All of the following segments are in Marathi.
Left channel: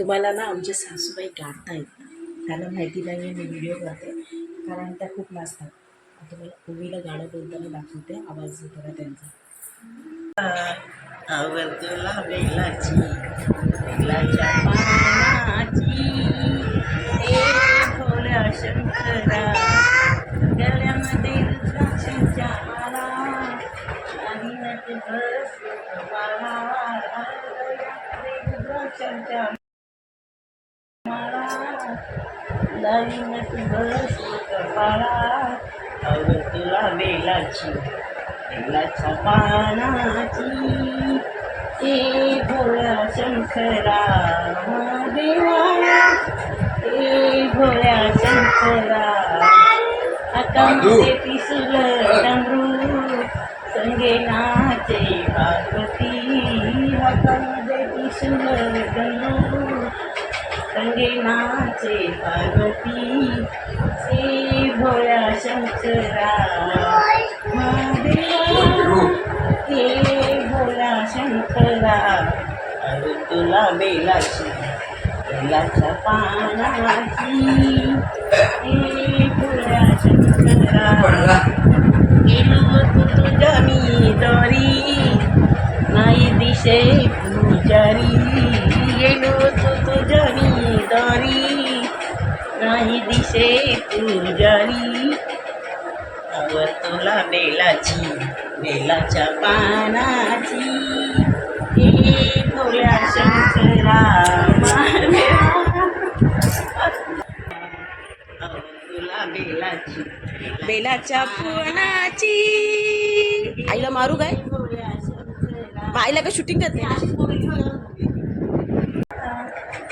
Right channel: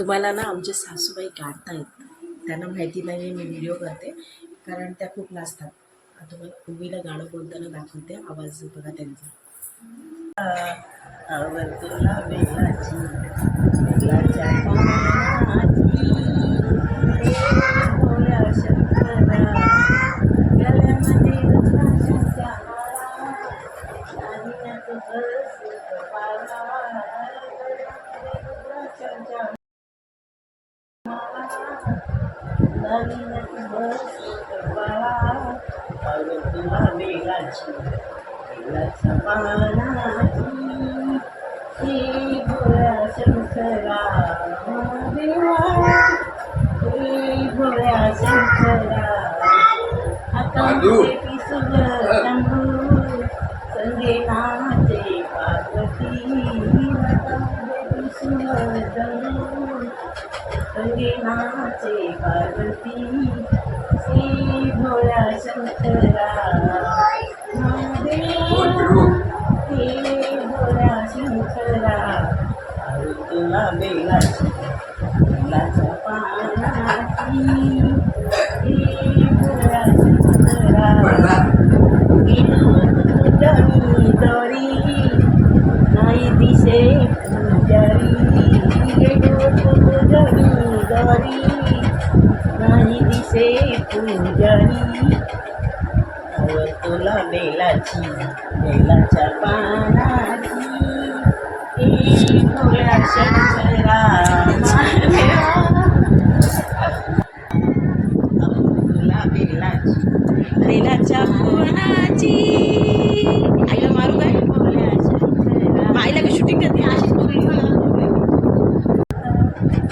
तुम्हाला ना आमचे सासूबाई गाता येत त्यांना माहिती नाही मी व्हिडिओ करते कारण त्या खूप नाचतात. तुम्हाला उवीला गाणं बोलताना दाखवते. आवाज बघा त्यांचा. आवर तुला बेलाची बेलाच्या पानाची. ए भोळ्या शंकरा गळ्यामध्ये रुद्राक्षाच्या माळा दागिन्यात बस माळा दागिन्यात बस बाळा आवर तुला बेलाची बेलाच्या पानाची ए भोळ्या शंकरा देवा ए भोळ्या शंकरा हातामध्ये त्रिशूल डमरू संगे नाचे पार्वती. हातामध्ये त्रिशूल डमरू संगे नाचे पार्वती. श्री भोळ्या शंकरा. हे भोळ्या शंकरा. अरे तुला बेलाची बेलाच्या पानाची. हे भोळ्या शंकरा. गेलो तू तुझ्या मी दोरी. नाही दिशे पुजारी. गेलो तू तुझ्या मी दोरी नाही दिशे पुजारी. आवर तुला बेलाची बेलाच्या पानाची. हे भोळ्या शंकरा तुला बेलाची बेलाच्या फुलाची आईला मारू काय? आईला काय शूटिंग करते?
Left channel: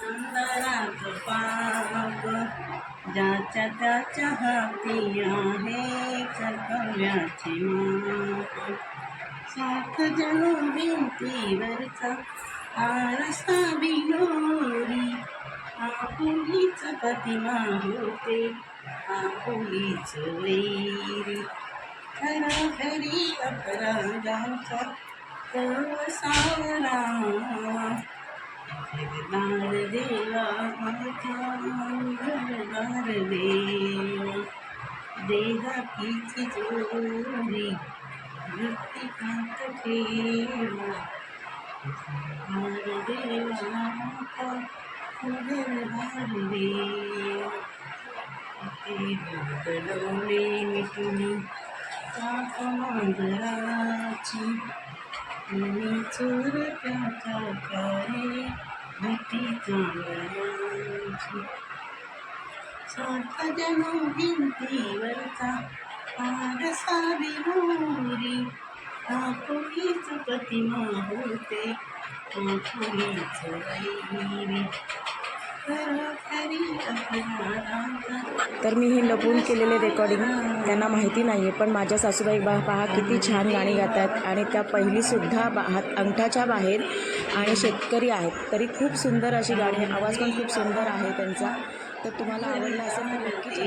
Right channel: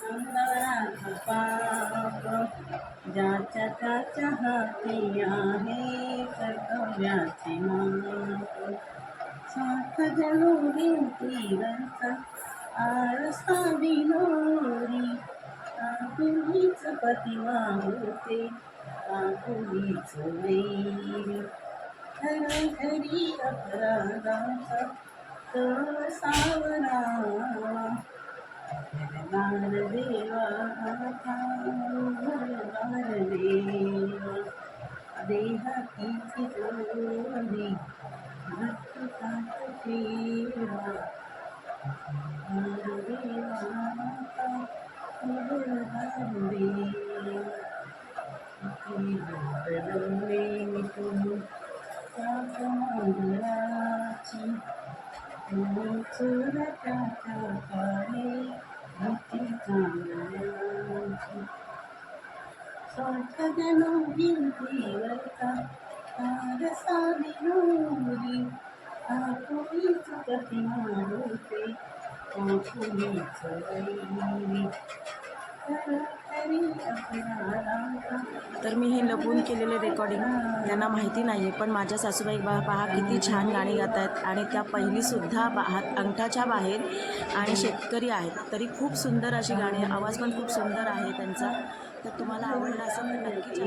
अंधारात पाप ज्याच्या त्याच्या हाती आहे कर्तव्याची माप साथ जणू भिंतीवरचा आरसा बिनोरी आपुलीच प्रतिमा होते आपुलीच वैरी. हरी खरी अपराधाचा तो सावरा घरदार देवा आता घरदार देवा देहातीची चोरी मृत्तिकांत ठेवा घरदार देवा आता घरदार देवा ते मांजराची मी चोरट्याच्या कारे भीती चांगल्याची सारखा जणू भिंतीवरचा आरसा तर मी हे लपून केलेले रेकॉर्डिंग त्यांना माहिती नाही आहे पण माझ्या सासूबाई बा पहा किती छान गाणी गात आहेत आणि त्या पहिलीसुद्धा बा हात अंगठाच्या बाहेर आणि शेतकरी आहेत. तरी खूप सुंदर अशी गाणी आवाज पण खूप सुंदर आहे त्यांचा. तर तुम्हाला आवडला असेल तर नक्कीच